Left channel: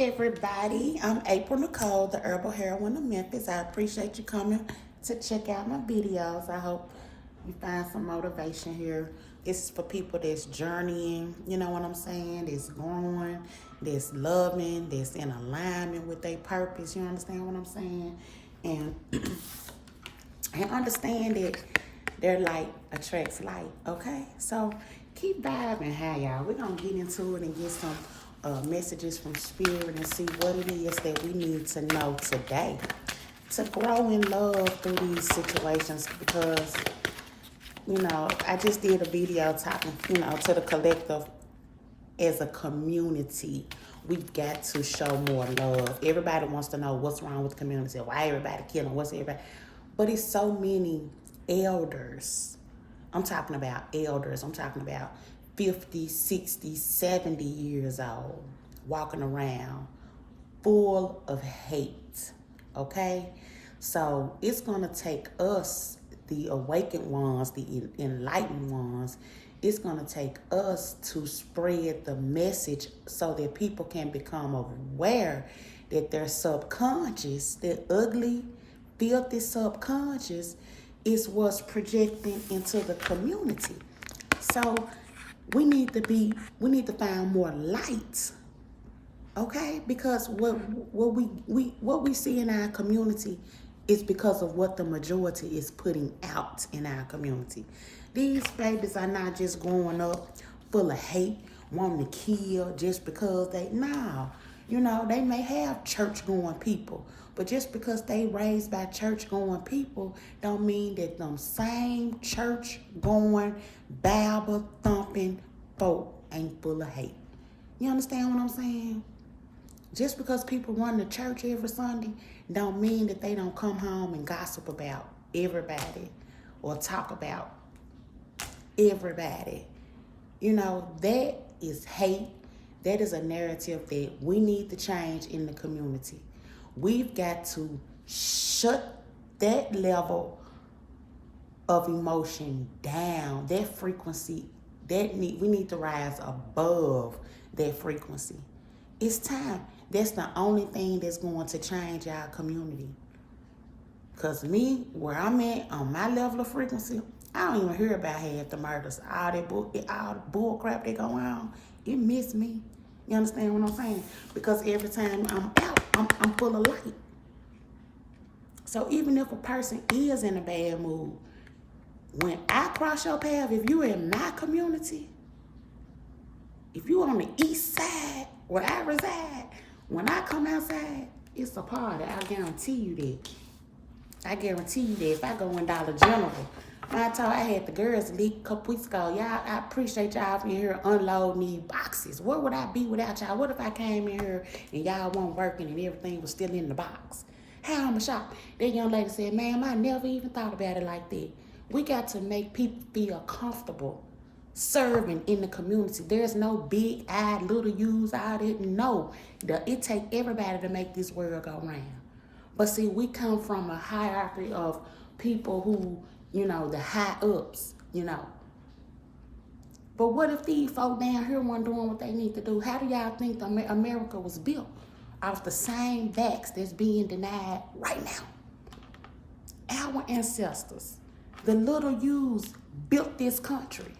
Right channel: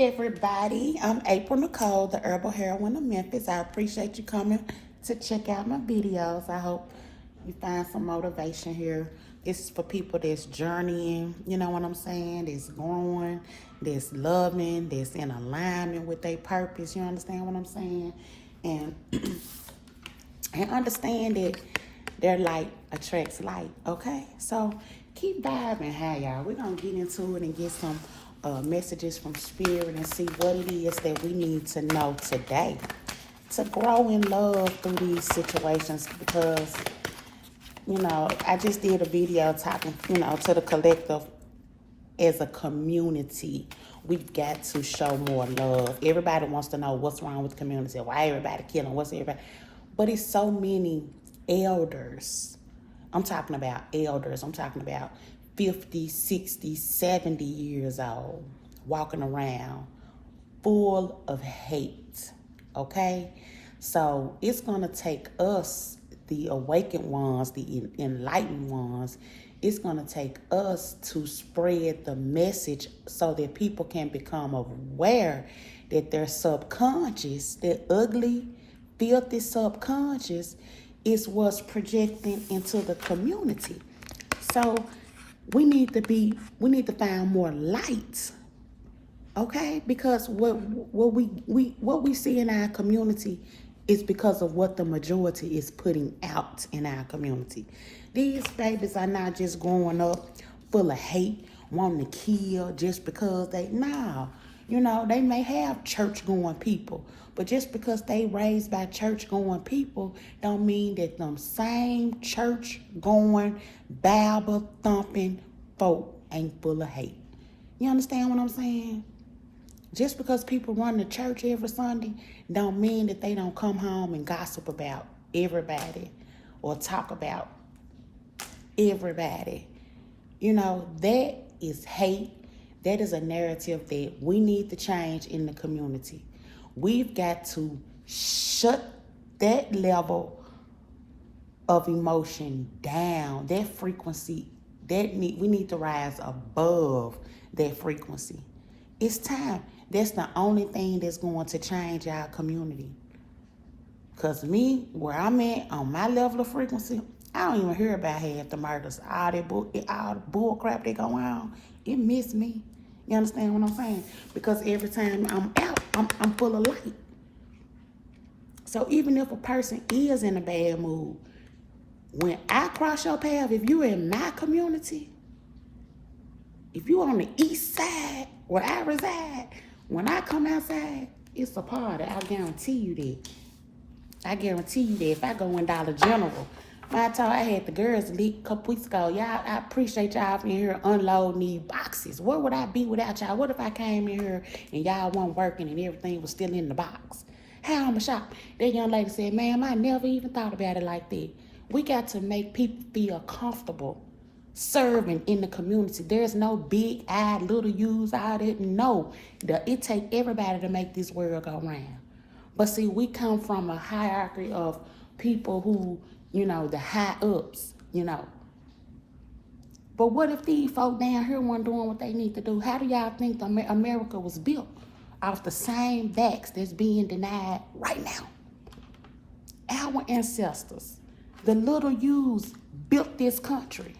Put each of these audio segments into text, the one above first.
everybody. I'm April Nicole, the Herbal Heroine of Memphis. I appreciate you coming to check out my videos. I hope you find some motivation here. It's for people that's journeying, you know what I'm saying? That's growing, that's loving, that's in alignment with their purpose. You understand what I'm saying? And and understand that their light attracts light, okay? So keep vibing, hey y'all. We're gonna get into it and get some messages from Spirit and see what it is that we need to know today to grow in love through these situations, because, you know, I just did a video talking, you know, to the collective as a community. We've got to show more love. Everybody wants to know what's wrong with the community, why everybody killing, what's everybody. But it's so many elders. I'm talking about elders. I'm talking about 50, 60, 70 years old, walking around full of hate, okay? So it's going to take us, the awakened ones, the enlightened ones, it's going to take us to spread the message so that people can become aware that their subconscious, their ugly, filthy subconscious, is what's projecting into the community. So we need to find more light, okay? Because what we see in our community is because of what the majority is putting out in our community. These babies are not just growing up full of hate, wanting to kill just because you know, they may have church-going people, but just because they raised by church-going people don't mean that them same church-going, Bible-thumping folk ain't full of hate. You understand what I'm saying? Just because people run to church every Sunday don't mean that they don't come home and gossip about everybody or talk about everybody. You know, that is hate. That is a narrative that we need to change in the community. We've got to shut that level of emotion down, that frequency. We need to rise above that frequency. It's time. That's the only thing that's going to change our community. Because me, where I'm at, on my level of frequency, I don't even hear about half the murders. All the bull crap that go on, it miss me. You understand what I'm saying? Because every time I'm out, I'm full of light. So even if a person is in a bad mood, when I cross your path, if you're in my community, if you're on the east side where I reside, when I come outside, it's a party. I guarantee you that. I guarantee you that if I go in Dollar General, I had the girls leak a couple weeks ago. Y'all, I appreciate y'all in here unloading these boxes. Where would I be without y'all? What if I came in here and y'all weren't working and everything was still in the box? How I'm shocked. That young lady said, ma'am, I never even thought about it like that. We got to make people feel comfortable serving in the community. There's no big-eyed, little U's out there. No, it take everybody to make this world go round. But see, we come from a hierarchy of people who, you know, the high ups, you know. But what if these folk down here weren't doing what they need to do? How do y'all think America was built? Off the same backs that's being denied right now. Our ancestors, the little U's, built this country.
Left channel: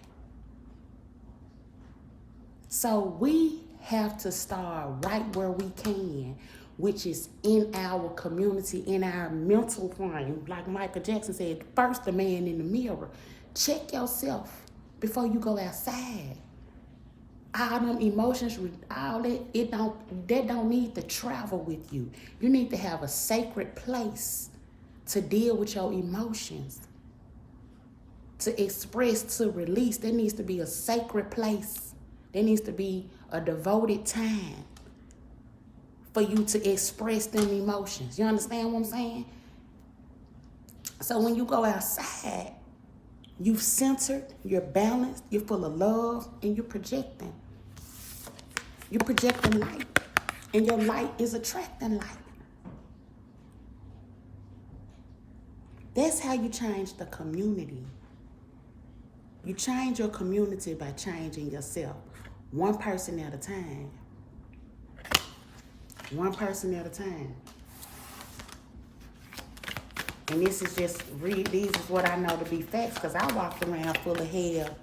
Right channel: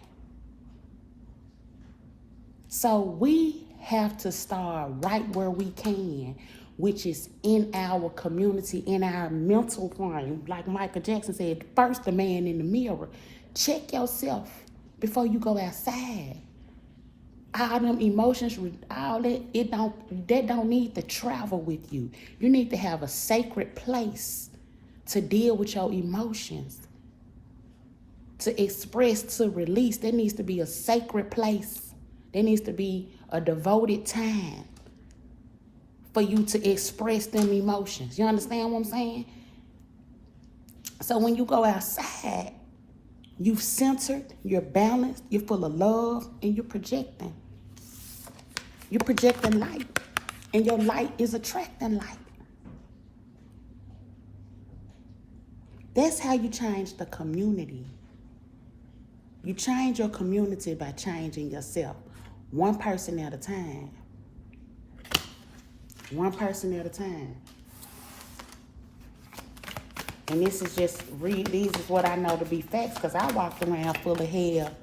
So we have to start right where we can, which is in our community, in our mental frame. Like Michael Jackson said, first the man in the mirror. Check yourself before you go outside. All them emotions, all that, that don't need to travel with you. You need to have a sacred place to deal with your emotions, to express, to release. There needs to be a sacred place. There needs to be a devoted time for you to express them emotions. You understand what I'm saying? So when you go outside, you've centered, you're balanced, you're full of love, and you're projecting. You're projecting light, and your light is attracting light. That's how you change the community. You change your community by changing yourself, one person at a time. One person at a time. And this is just, these is what I know to be facts, because I walked around full of hell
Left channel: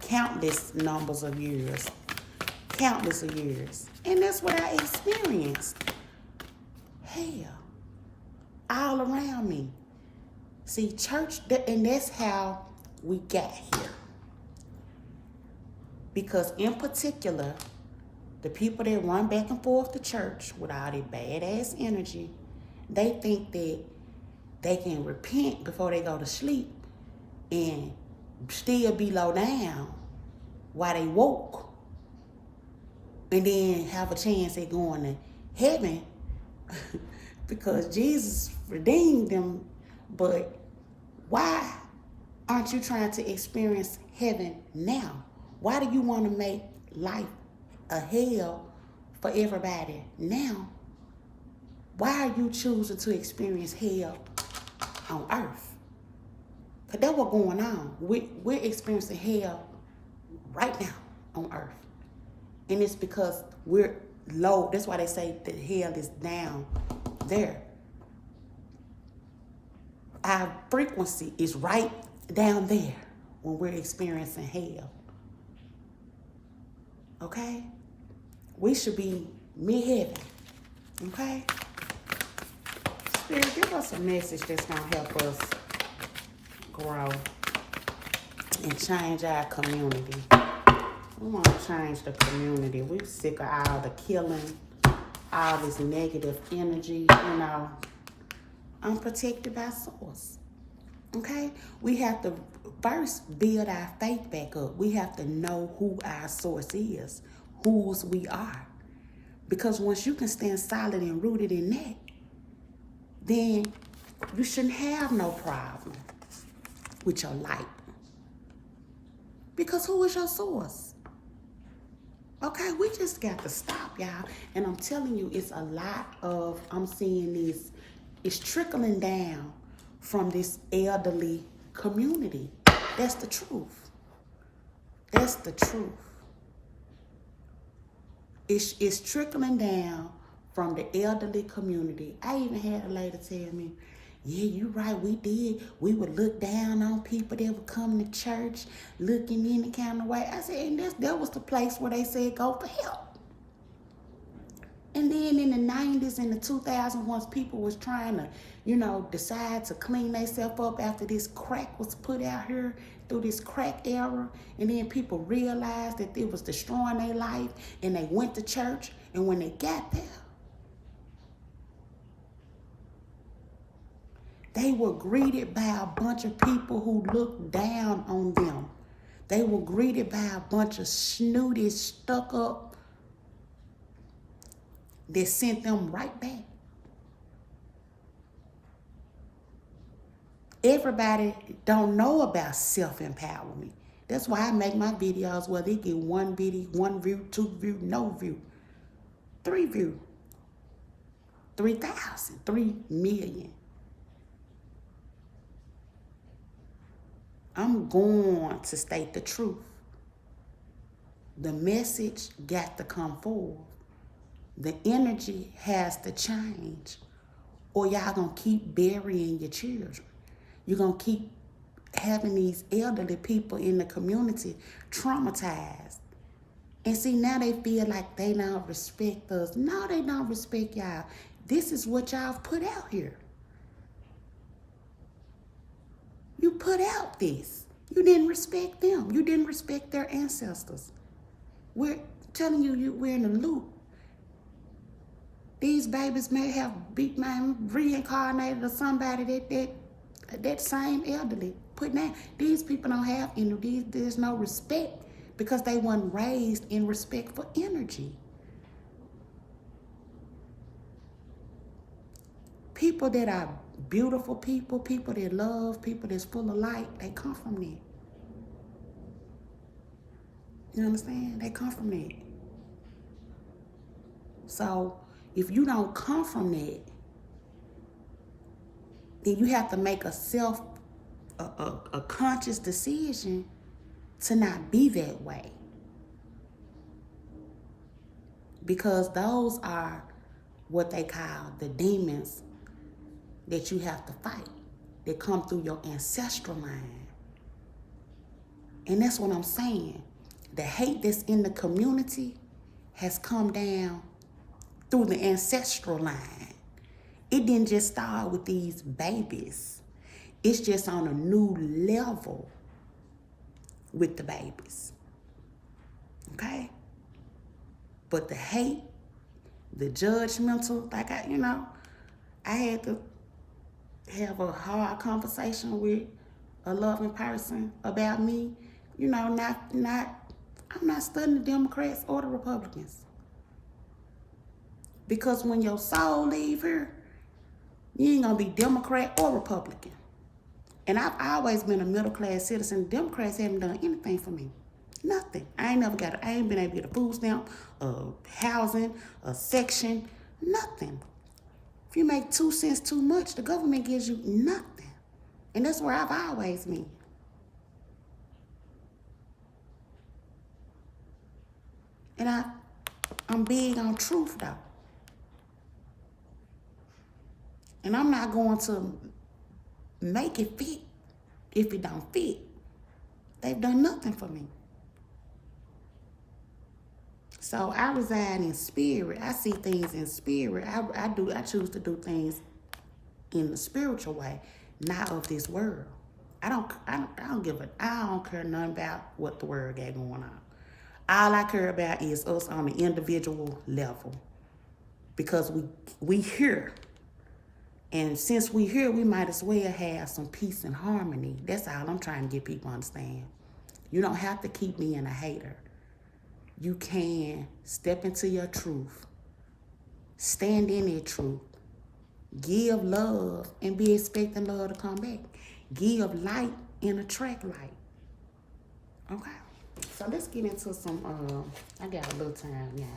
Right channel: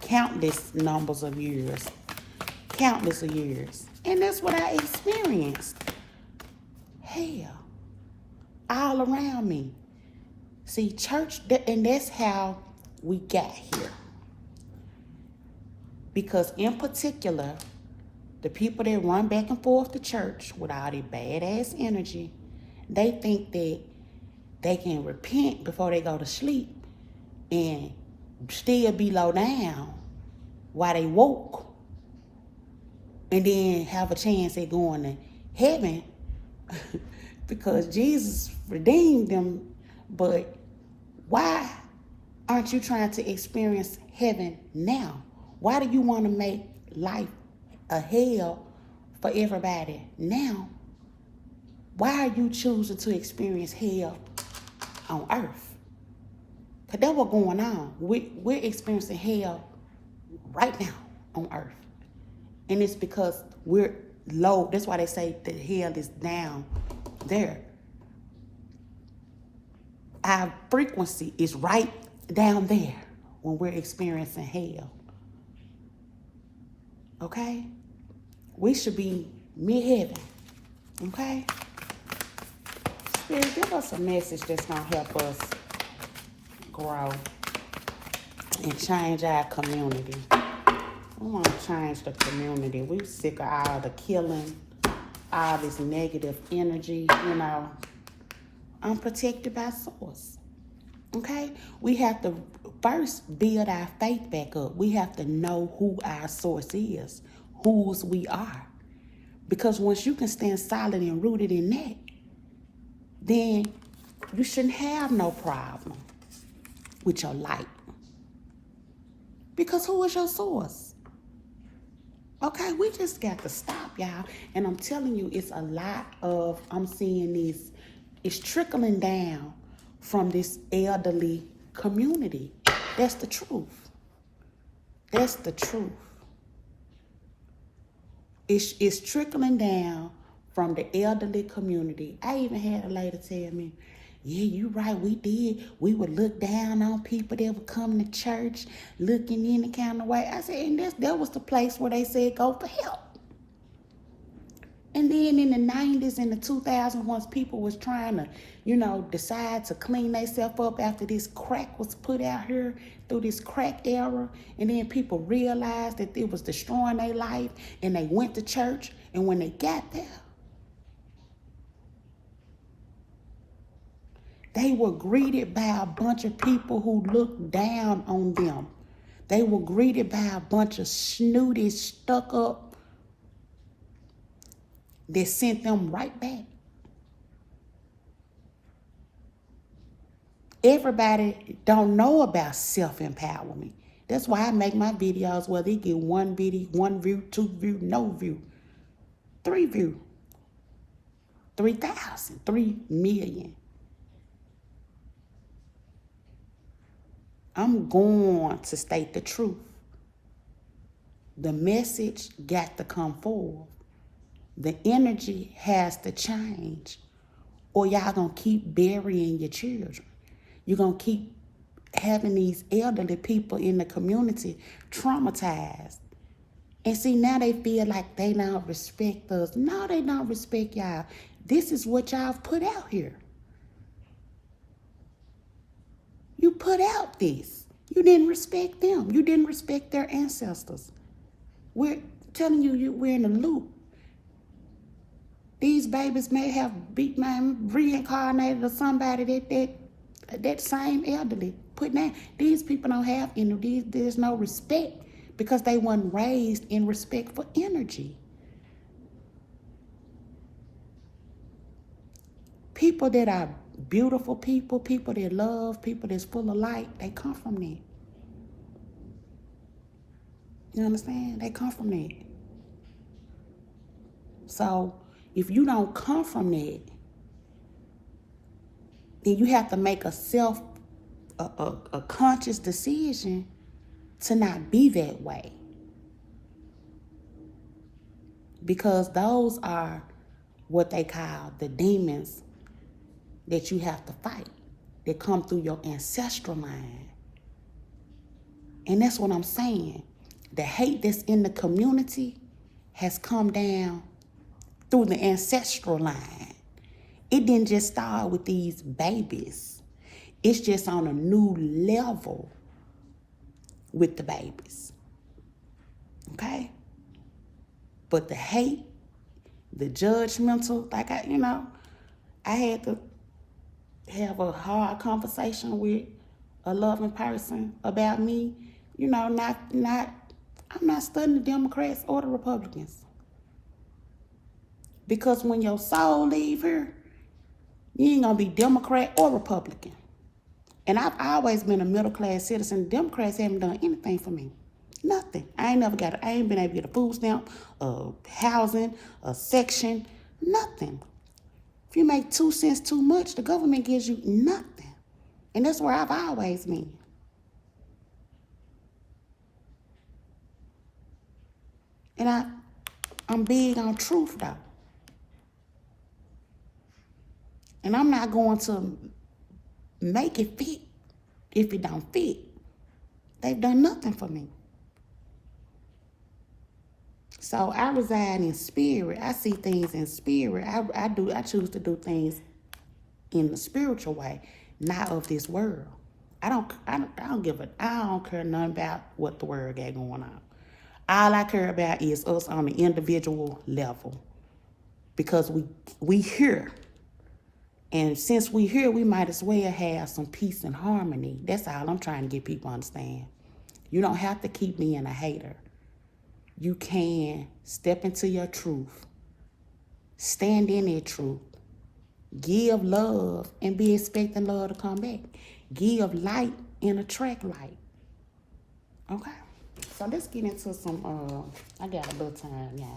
countless numbers of years. Countless of years. And that's what I experienced. Hell. All around me. See, church, and that's how we got here. Because in particular, the people that run back and forth to church with all their badass energy, they think that they can repent before they go to sleep and still be low down while they woke, and then have a chance at going to heaven because Jesus redeemed them. But why aren't you trying to experience heaven now? Why do you want to make life a hell for everybody now? Why are you choosing to experience hell on earth? Because that's what's going on. We're experiencing hell right now on earth. And it's because we're low. That's why they say that hell is down there. Our frequency is right down there when we're experiencing hell. Okay? We should be mid-heaven. Okay? Spirit, give us a message that's going to help us grow and change our community. We want to change the community. We're sick of all the killing, all this negative energy, unprotected by source. Okay? We have to first build our faith back up. We have to know who our source is, whose we are. Because once you can stand solid and rooted in that, then you shouldn't have no problem with your light. Because who is your source? Okay, we just got to stop, y'all. And I'm telling you, it's a lot of, I'm seeing these, it's trickling down from this elderly community. That's the truth. That's the truth. It's trickling down from the elderly community. I even had a lady tell me, yeah, you right, we did. We would look down on people that would come to church looking any kind of way. I said, and that was the place where they said go for help. And then in the 90s and the 2000s, once people was trying to, decide to clean themselves up after this crack was put out here through this crack era, and then people realized that it was destroying their life, and they went to church, and when they got there, they were greeted by a bunch of people who looked down on them. They were greeted by a bunch of snooty, stuck up, that sent them right back. Everybody don't know about self-empowerment. That's why I make my videos where they get one video, 1 view, 2 view, no view, 3 view, 3,000, 3 million. I'm going to state the truth. The message got to come forward. The energy has to change, or y'all gonna keep burying your children. You're gonna keep having these elderly people in the community traumatized. And see, now they feel like they don't respect us. No, they don't respect y'all. This is what y'all put out here. You put out this. You didn't respect them. You didn't respect their ancestors. We're telling you, we're in a loop. These babies may have reincarnated or somebody that same elderly put down. These people don't have energy. There's no respect because they weren't raised in respect for energy. People that are beautiful people that love, people that's full of light, they come from that. You understand? They come from that. So if you don't come from that, then you have to make a conscious decision to not be that way. Because those are what they call the demons that you have to fight, that come through your ancestral line. And that's what I'm saying. The hate that's in the community has come down through the ancestral line. It didn't just start with these babies. It's just on a new level with the babies. Okay? But the hate, the judgmental, like I had to have a hard conversation with a loving person about me. I'm not studying the Democrats or the Republicans. Because when your soul leave here, you ain't gonna be Democrat or Republican. And I've always been a middle-class citizen. The Democrats haven't done anything for me. Nothing. I ain't been able to get a food stamp, a housing, a section, nothing. If you make 2 cents too much, the government gives you nothing. And that's where I've always been. And I'm big on truth, though. And I'm not going to make it fit if it don't fit. They've done nothing for me. So I reside in spirit. I see things in spirit. I choose to do things in the spiritual way, not of this world. I don't care nothing about what the world got going on. All I care about is us on the individual level. Because we here. And since we here, we might as well have some peace and harmony. That's all I'm trying to get people to understand. You don't have to keep being a hater. You can step into your truth. Stand in that truth. Give love and be expecting love to come back. Give light and attract light. Okay? So let's get into some, I got a little time, y'all.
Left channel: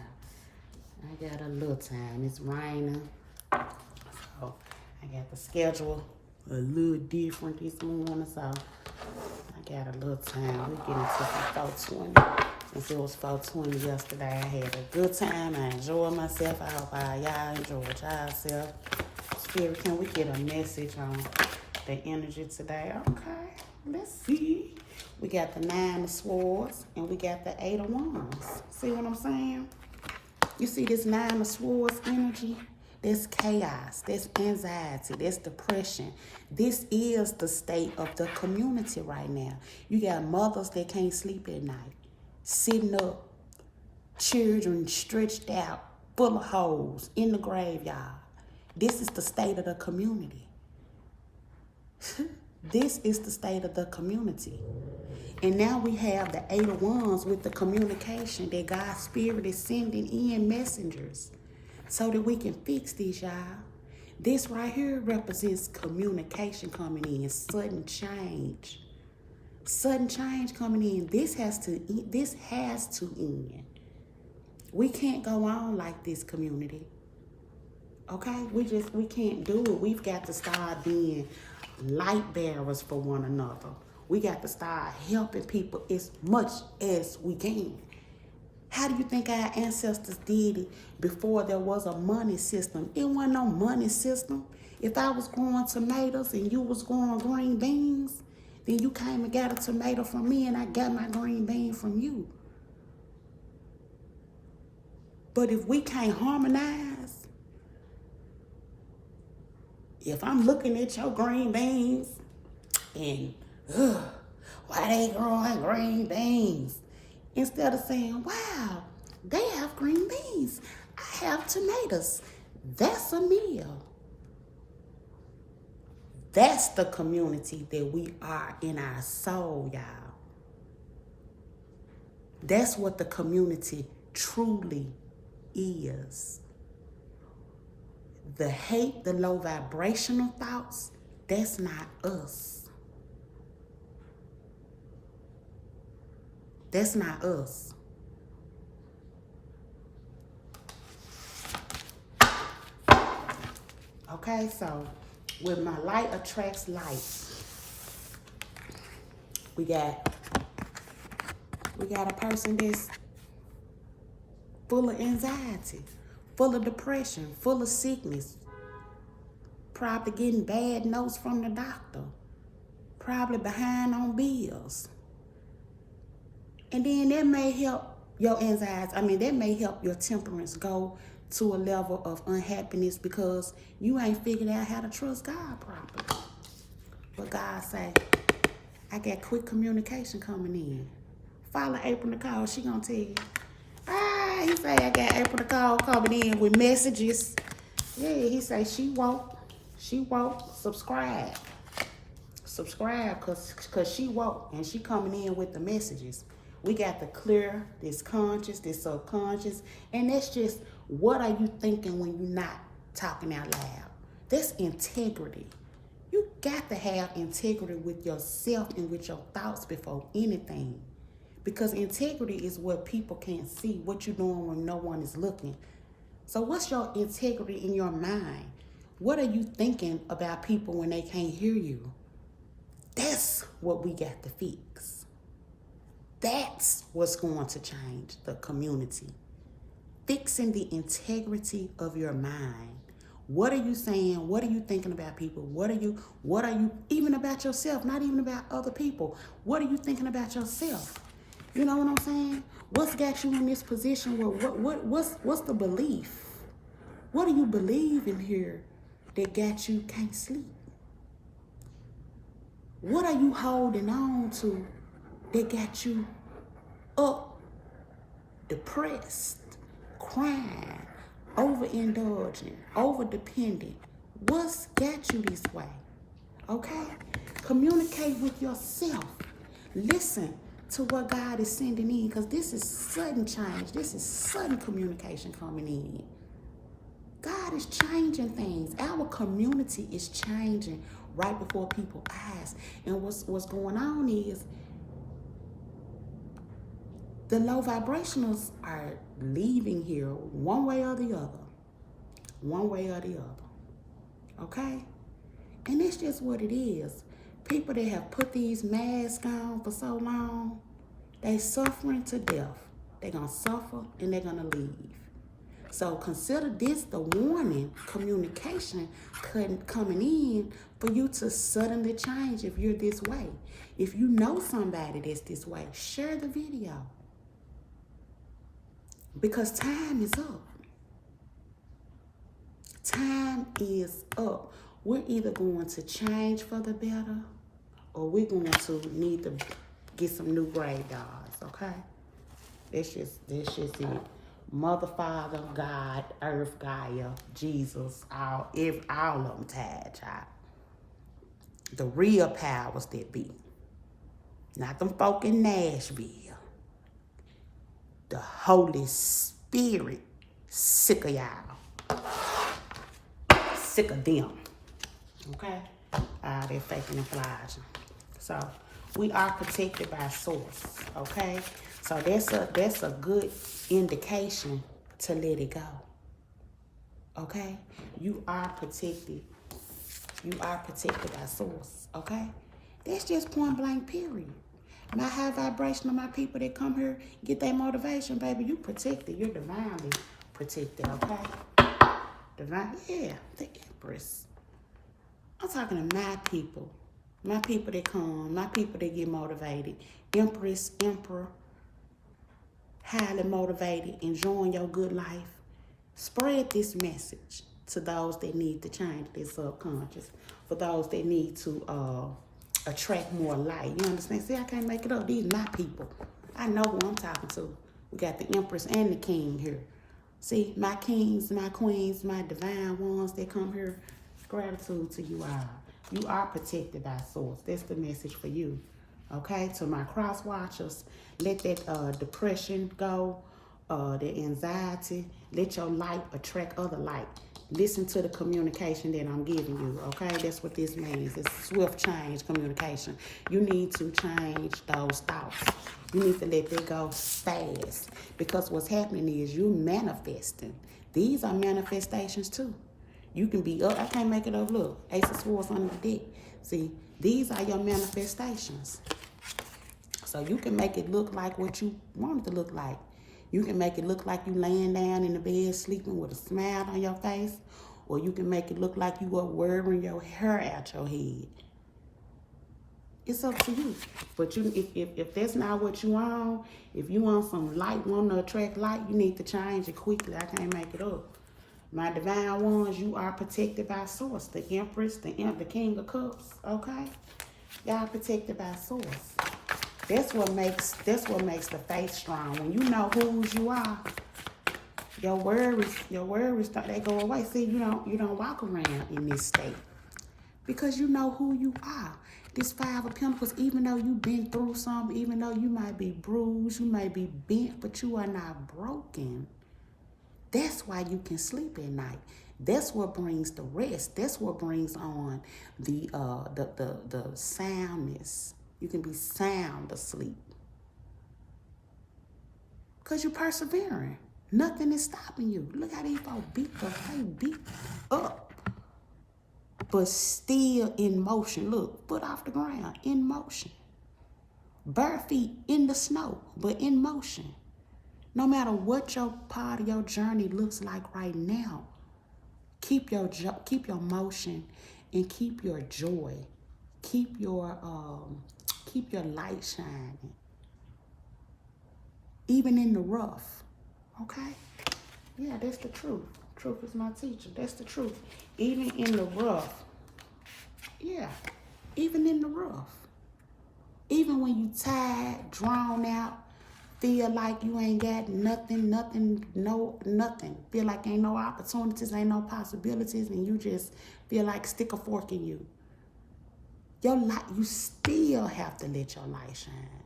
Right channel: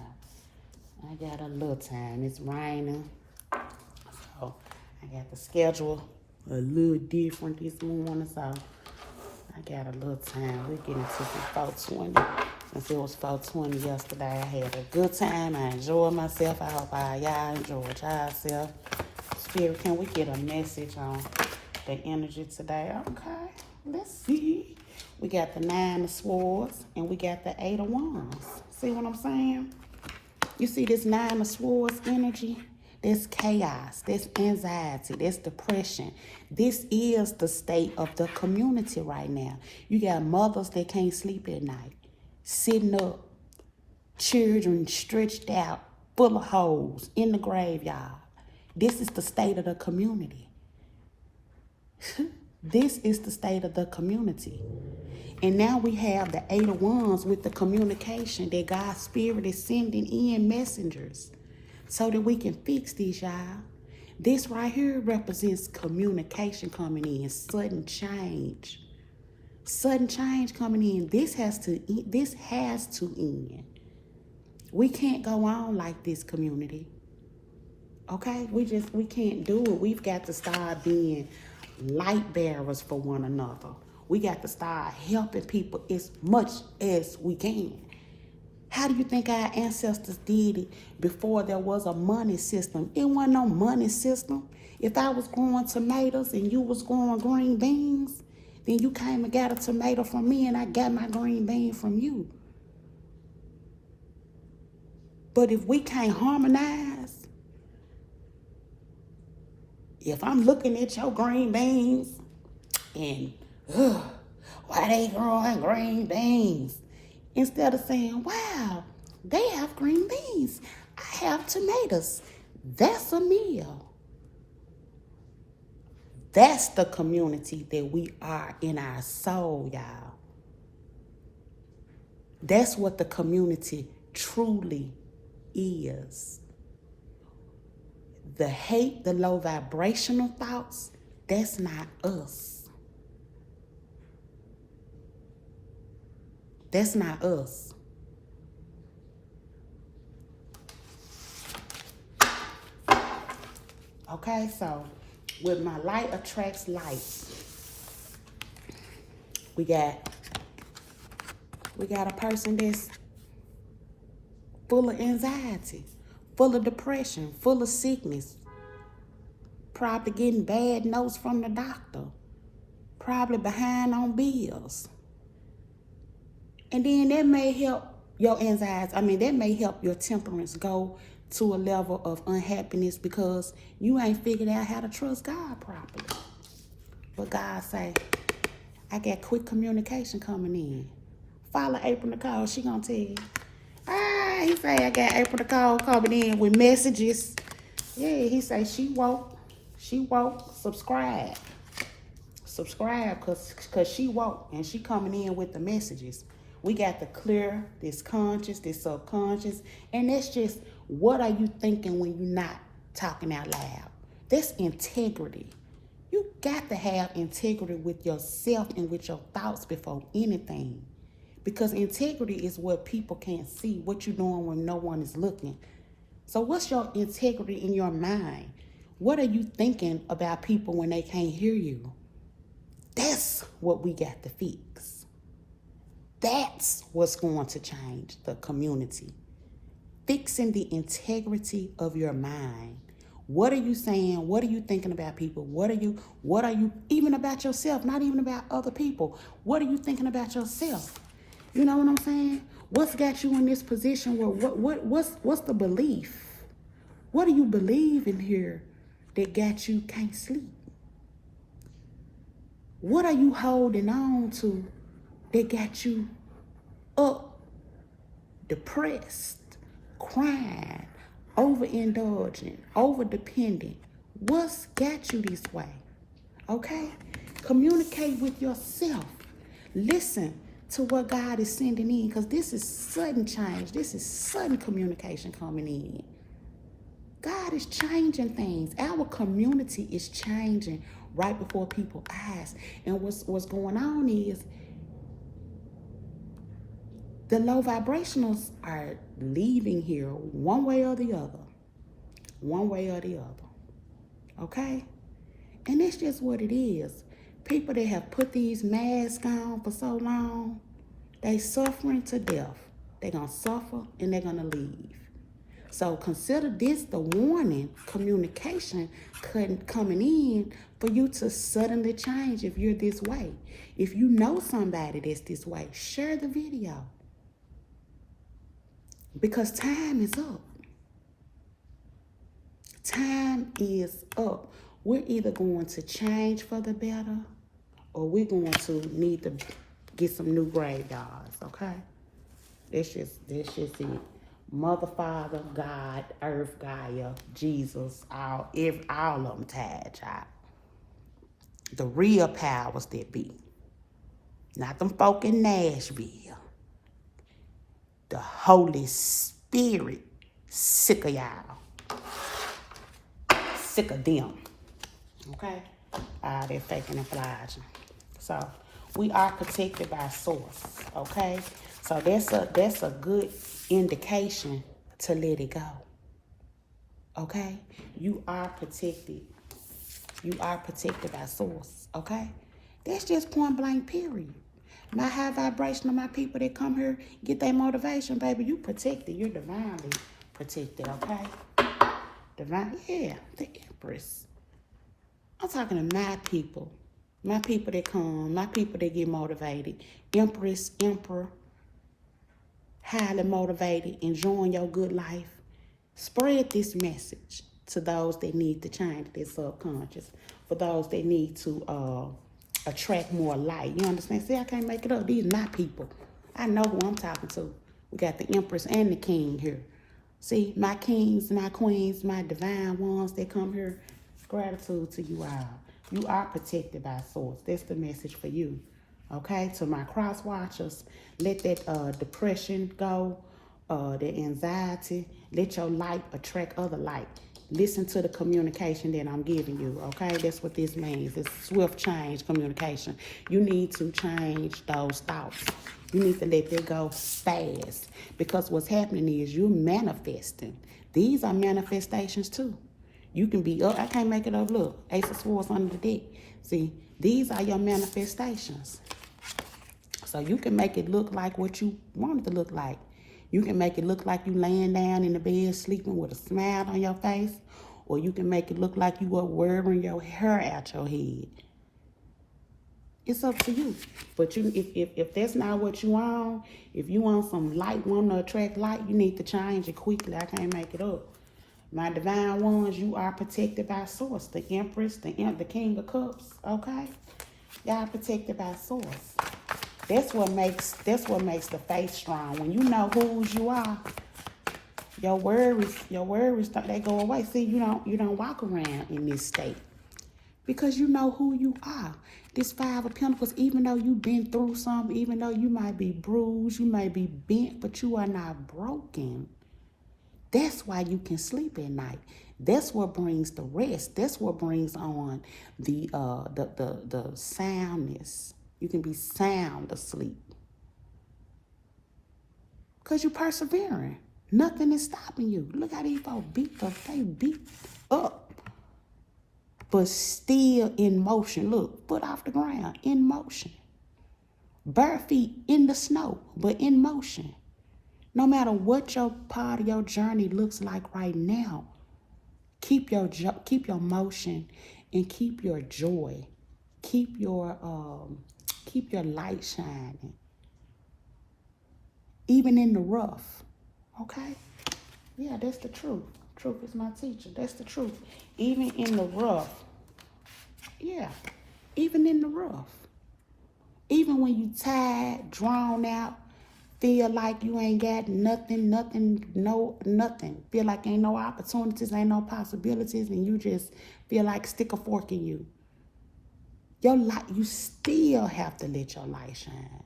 I got a little time. It's raining. So I got the schedule a little different this morning. So I got a little time. We're getting to some 420. Since it was 420 yesterday, I had a good time. I enjoyed myself. I hope y'all enjoyed yourself. Spirit, can we get a message on the energy today? Okay, let's see. We got the 9 of Swords and we got the 8 of Wands. See what I'm saying? You see this 9 of Swords energy? That's chaos. That's anxiety. That's depression. This is the state of the community right now. You got mothers that can't sleep at night. Sitting up, children stretched out, full of holes, in the graveyard. This is the state of the community. This is the state of the community. And now we have the 8 of Wands with the communication that God's Spirit is sending in messengers so that we can fix this, y'all. This right here represents communication coming in, sudden change. Sudden change coming in. This has to end. We can't go on like this, community. Okay? We can't do it. We've got to start being light bearers for one another. We got to start helping people as much as we can. How do you think our ancestors did it before there was a money system? It wasn't no money system. If I was growing tomatoes and you was growing green beans, then you came and got a tomato from me and I got my green bean from you. But if we can't harmonize, if I'm looking at your green beans and, why they growing green beans? Instead of saying, wow, they have green beans. I have tomatoes. That's a meal. That's the community that we are in our soul, y'all. That's what the community truly is. The hate, the low vibrational thoughts, that's not us. That's not us. Okay, so with my light attracts light, we got a person that's full of anxiety, full of depression, full of sickness, probably getting bad notes from the doctor, probably behind on bills. And then that may help your anxiety. I mean, that may help your temperance go to a level of unhappiness because you ain't figured out how to trust God properly. But God say, I got quick communication coming in. Follow April Nicole. She gonna tell you. He say I got April Nicole coming in with messages. Yeah, he say she woke. She woke. Subscribe. Subscribe cause she woke and she coming in with the messages. We got to clear this conscious, this subconscious, and that's just what are you thinking when you're not talking out loud. That's integrity. You got to have integrity with yourself and with your thoughts before anything. Because integrity is what people can't see, what you're doing when no one is looking. So what's your integrity in your mind? What are you thinking about people when they can't hear you? That's what we got to fix. That's what's going to change the community. Fixing the integrity of your mind. What are you saying? What are you thinking about people? What are you even about yourself? Not even about other people. What are you thinking about yourself? You know what I'm saying? What's got you in this position where what's the belief? What do you believe in here that got you can't sleep? What are you holding on to that got you up, depressed, crying, overindulgent, overdependent? What's got you this way? Okay? Communicate with yourself. Listen to what God is sending in, because this is sudden change. This is sudden communication coming in. God is changing things. Our community is changing right before people's eyes. And what's going on is the low vibrationals are leaving here one way or the other. One way or the other. Okay? And that's just what it is. People that have put these masks on for so long, they suffering to death. They're going to suffer and they're going to leave. So consider this the warning communication coming in for you to suddenly change if you're this way. If you know somebody that's this way, share the video. Because time is up. Time is up. We're either going to change for the better or we're going to need to get some new graveyards, okay? That's just it. Mother, Father, God, Earth, Gaia, Jesus, all of them tied, child. The real powers that be. Not them folk in Nashville. The Holy Spirit, sick of y'all. Sick of them. Okay? They're faking and flashing. So, we are protected by source. Okay? So, that's a good indication to let it go. Okay? You are protected. You are protected by source. Okay? That's just point blank, period. My high vibration of my people that come here, get their motivation, baby, you protected. You're divinely protected, okay? Divine, yeah, the Empress. I'm talking to my people that come, my people that get motivated. Empress, Emperor, highly motivated, enjoying your good life. Spread this message to those that need to change their subconscious, for those that need to attract more light. You understand? See, I can't make it up. These are my people. I know who I'm talking to. We got the Empress and the King here. See, my kings, my queens, my divine ones that come here, gratitude to you all. You are protected by source. That's the message for you. Okay? To my cross watchers, let that depression go, that anxiety. Let your light attract other light. Listen to the communication that I'm giving you, okay? That's what this means. It's swift change communication. You need to change those thoughts. You need to let that go fast. Because what's happening is you're manifesting. These are manifestations too. You can be up. I can't make it up. Look, Ace of Swords under the deck. See, these are your manifestations. So you can make it look like what you want it to look like. You can make it look like you laying down in the bed sleeping with a smile on your face, or you can make it look like you are wearing your hair out your head. It's up to you. But if that's not what you want, if you want some light, want to attract light, you need to change it quickly. I can't make it up. My divine ones, you are protected by source. The Empress, the King of Cups, okay? Y'all protected by source. That's what makes the faith strong. When you know whose you are, your worries, they go away. See, you don't walk around in this state because you know who you are. This Five of Pentacles, even though you've been through something, even though you might be bruised, you may be bent, but you are not broken. That's why you can sleep at night. That's what brings the rest. That's what brings on the soundness. You can be sound asleep because you're persevering. Nothing is stopping you. Look how these folks they beat up, but still in motion. Look, foot off the ground, in motion. Bare feet in the snow, but in motion. No matter what your part of your journey looks like right now, keep your motion and keep your joy. Keep your light shining. Even in the rough. Okay? Yeah, that's the truth. Truth is my teacher. That's the truth. Even in the rough. Yeah. Even in the rough. Even when you tired, drawn out, feel like you ain't got nothing. Feel like ain't no opportunities, ain't no possibilities, and you just feel like stick a fork in you. Your light, you still have to let your light shine.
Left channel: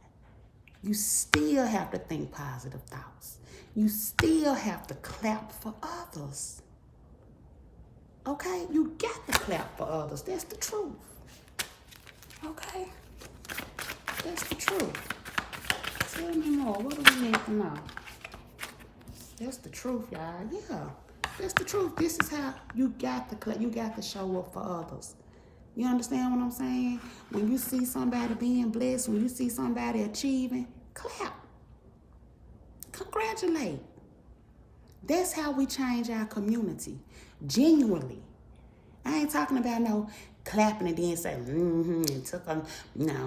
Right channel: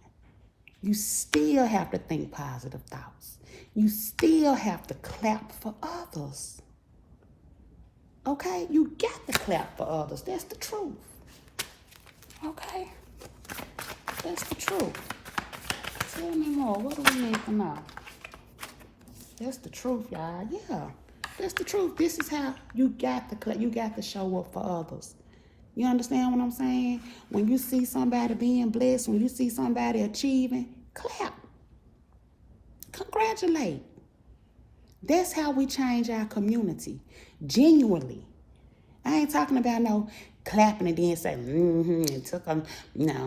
You still have to think positive thoughts. You still have to clap for others. Okay? You got to clap for others. That's the truth. Okay? That's the truth. Tell me more. What do we need to know? That's the truth, y'all. Yeah. That's the truth. This is how you got to clap. You got to show up for others. You understand what I'm saying? When you see somebody being blessed, when you see somebody achieving, clap. Congratulate. That's how we change our community. Genuinely. I ain't talking about no clapping and then saying, and took them, yeah,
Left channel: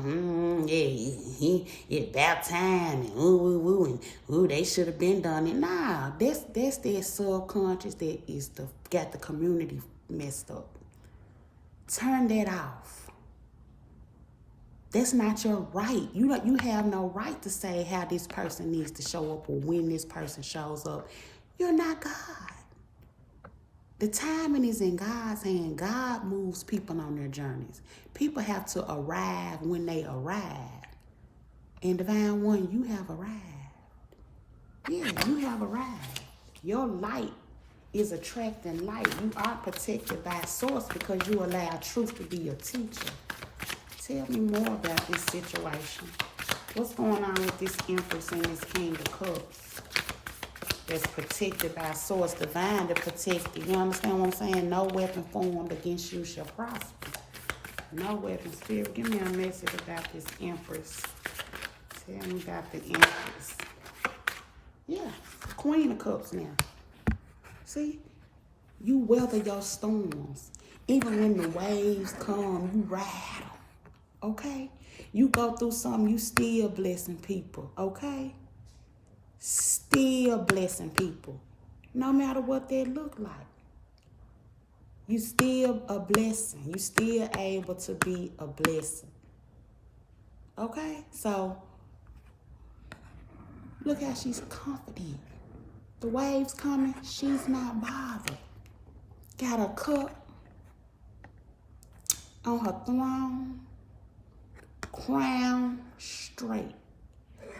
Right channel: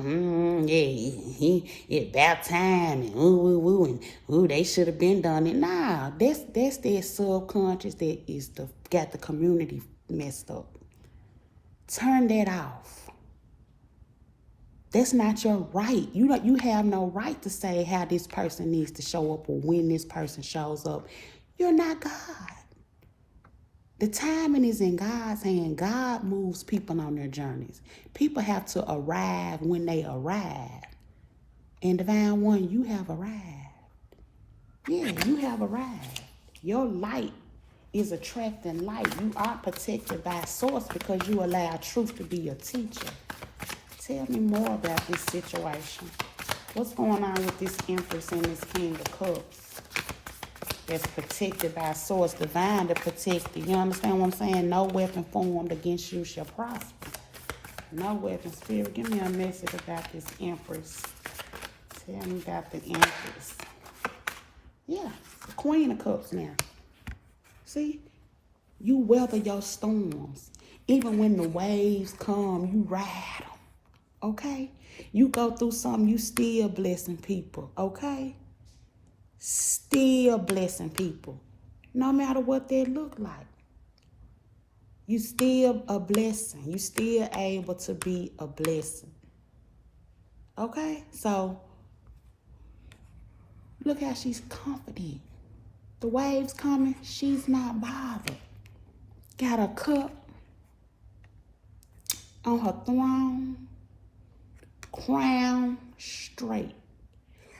about time, and and they should have been done it. Nah, that's their subconscious that got the community messed up. Turn that off. That's not your right. You have no right to say how this person needs to show up or when this person shows up. You're not God. The timing is in God's hand. God moves people on their journeys. People have to arrive when they arrive. And Divine One, you have arrived. Yeah, you have arrived. Your light is attracting light. You are protected by source because you allow truth to be your teacher. Tell me more about this situation. What's going on with this Empress and this King of Cups? That's protected by source, divine to protect you. You understand what I'm saying? No weapon formed against you shall prosper. No weapon. Spirit, give me a message about this Empress. Tell me about the Empress. Yeah, the Queen of Cups now. See? You weather your storms. Even when the waves come, you ride them. Okay? You go through something, you still blessing people. Okay? Still blessing people, no matter what they look like. You still a blessing. You still able to be a blessing. Okay? So, look how she's confident. The waves coming, she's not bothered. Got a cup on her throne, crown straight.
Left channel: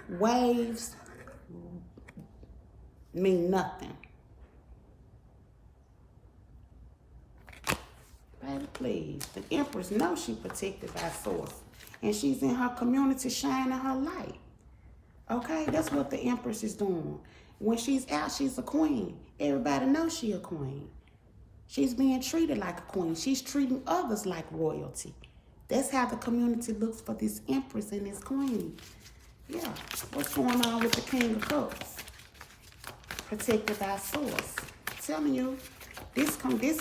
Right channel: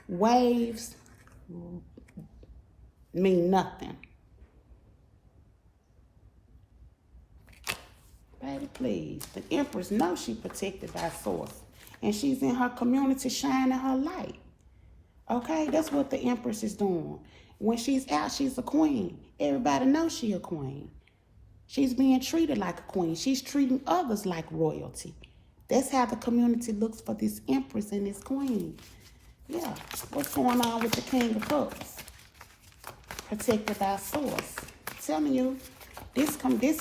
Waves mean nothing. Baby, please. The Empress knows she's protected by source. And she's in her community shining her light. Okay? That's what the Empress is doing. When she's out, she's a queen. Everybody knows she's a queen. She's being treated like a queen. She's treating others like royalty. That's how the community looks for this Empress and this queen. Yeah. What's going on with the King of Cups? protected by source. I'm telling you, this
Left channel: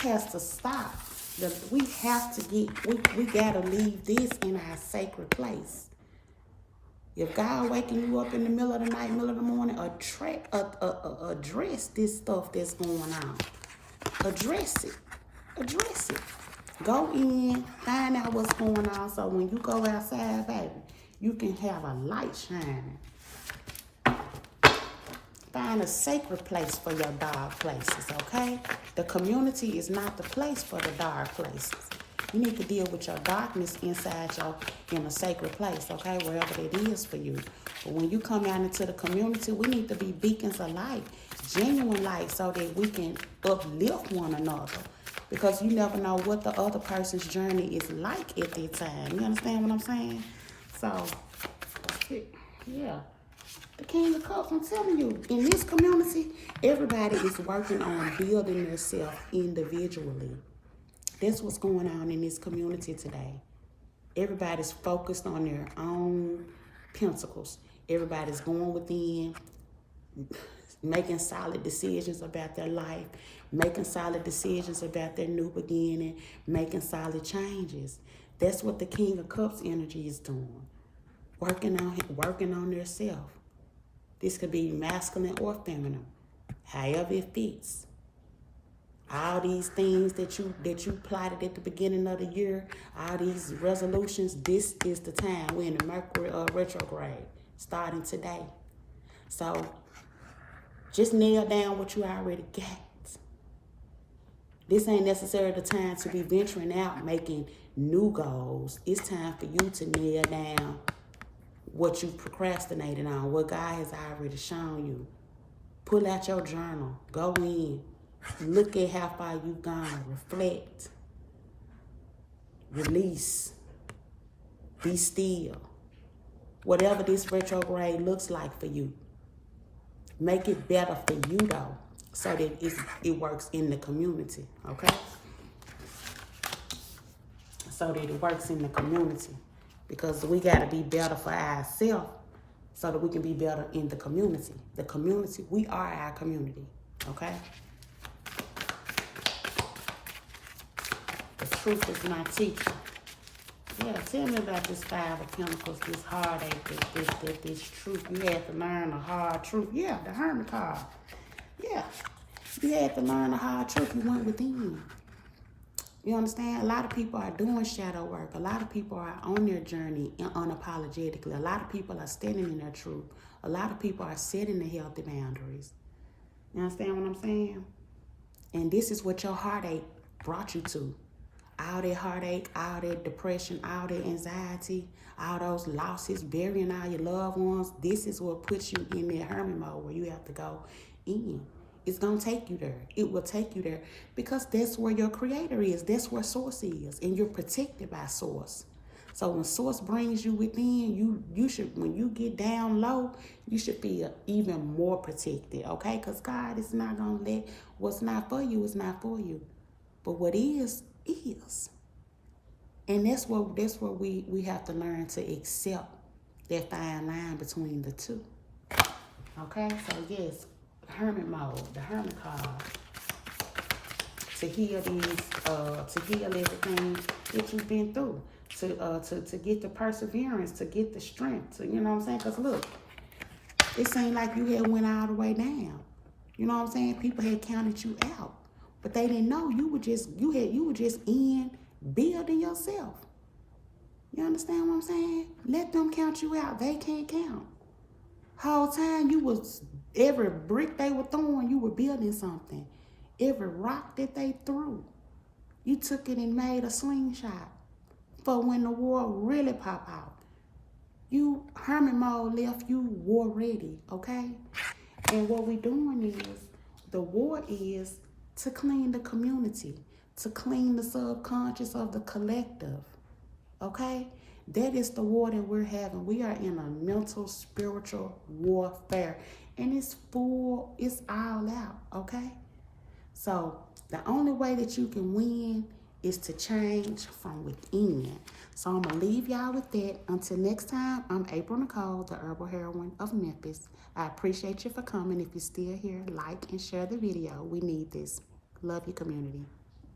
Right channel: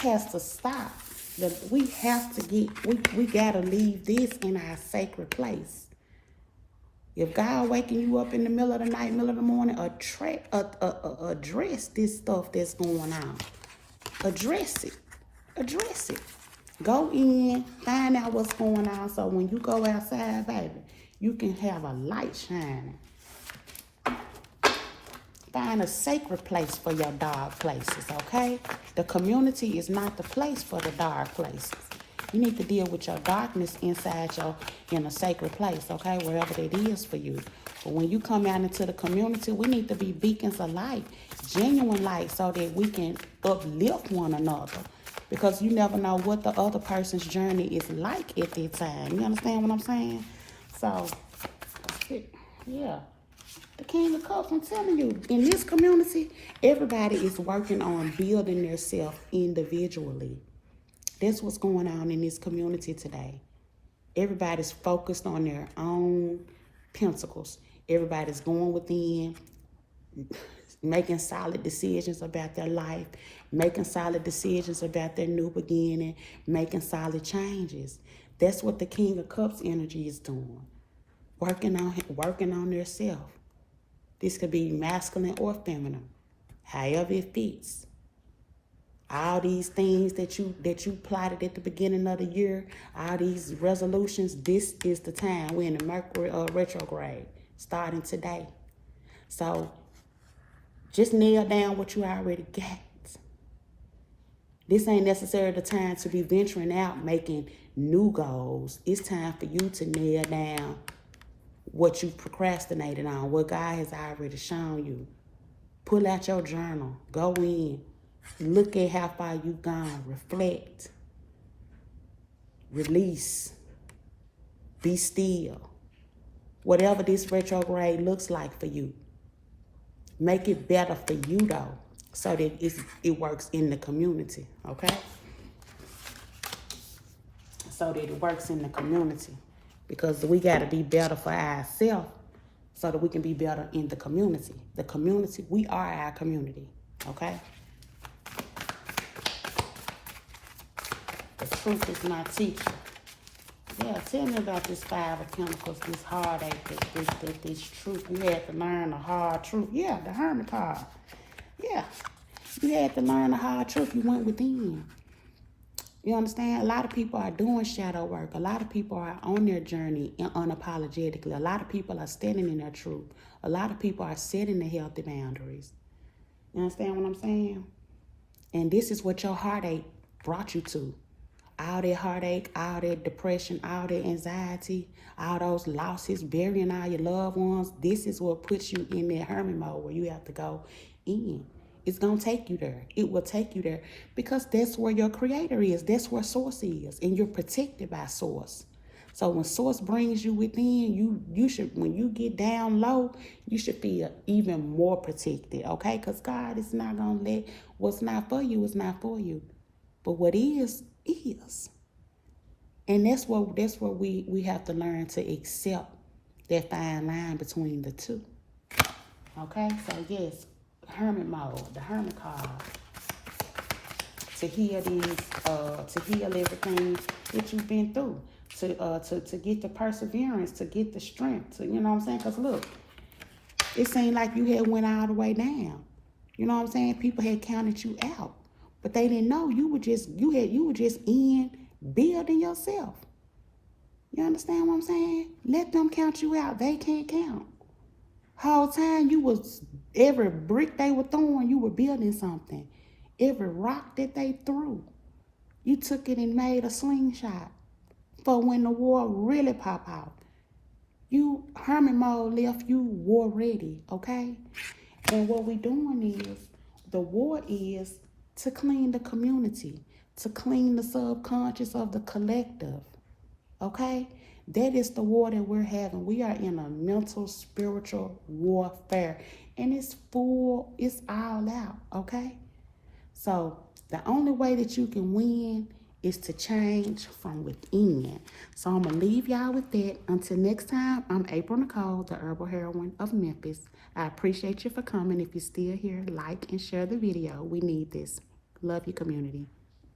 has to stop. We have to we gotta leave this in our sacred place. If God waking you up in the middle of the night, middle of the morning, address this stuff that's going on. Address it. Address it. Go in, find out what's going on, so when you go outside, baby, you can have a light shining. Find a sacred place for your dark places, okay? The community is not the place for the dark places. You need to deal with your darkness inside in a sacred place, okay? Wherever it is for you. But when you come out into the community, we need to be beacons of light, genuine light, so that we can uplift one another. Because you never know what the other person's journey is like at that time. You understand what I'm saying? So, yeah. The King of Cups, I'm telling you, in this community, everybody is working on building themselves individually. That's what's going on in this community today. Everybody's focused on their own pentacles. Everybody's going within, making solid decisions about their life, making solid decisions about their new beginning, making solid changes. That's what the King of Cups energy is doing. Working on their self. This could be masculine or feminine, however it fits. All these things that you plotted at the beginning of the year, all these resolutions, this is the time. We're in the Mercury retrograde, starting today. So just nail down what you already got. This ain't necessarily the time to be venturing out, making new goals. It's time for you to nail down what you procrastinated on, what God has already shown you. Pull out your journal. Go in. Look at how far you've gone. Reflect. Release. Be still. Whatever this retrograde looks like for you. Make it better for you, though, so that it works in the community, okay? So that it works in the community. Because we got to be better for ourselves so that we can be better in the community. The community, we are our community, okay? The truth is my teacher. Yeah, tell me about this Five of Pentacles, this heartache, this truth. You had to learn the hard truth. Yeah, the Hermit card. Yeah, you had to learn the hard truth. You went within. You understand? A lot of people are doing shadow work. A lot of people are on their journey unapologetically. A lot of people are standing in their truth. A lot of people are setting the healthy boundaries. You understand what I'm saying? And this is what your heartache brought you to. All that heartache, all that depression, all that anxiety, all those losses, burying all your loved ones. This is what puts you in that hermit mode where you have to go in. It's going to take you there. It will take you there because that's where your creator is. That's where source is. And you're protected by source. So when source brings you within, you should, when you get down low, you should feel even more protected, okay? Because God is not going to let what's not for you is not for you. But what is. And that's where we have to learn to accept that fine line between the two. Okay? So yes. Hermit mode, the hermit card, to heal to heal everything that you've been through, to get the perseverance, to get the strength, you know what I'm saying? Because look, it seemed like you had went all the way down. You know what I'm saying? People had counted you out, but they didn't know you were just in building yourself. You understand what I'm saying? Let them count you out. They can't count. Whole time you was, every brick they were throwing, you were building something. Every rock that they threw, you took it and made a slingshot for when the war really pop out. You, hermit mode left you war ready, okay? And what we doing is, the war is to clean the community, to clean the subconscious of the collective, okay? That is the war that we're having. We are in a mental, spiritual warfare. And it's all out, okay? So the only way that you can win is to change from within. So I'm going to leave y'all with that. Until next time, I'm April Nicole, the Herbal Heroine of Memphis. I appreciate you for coming. If you're still here, like and share the video. We need this. Love your community.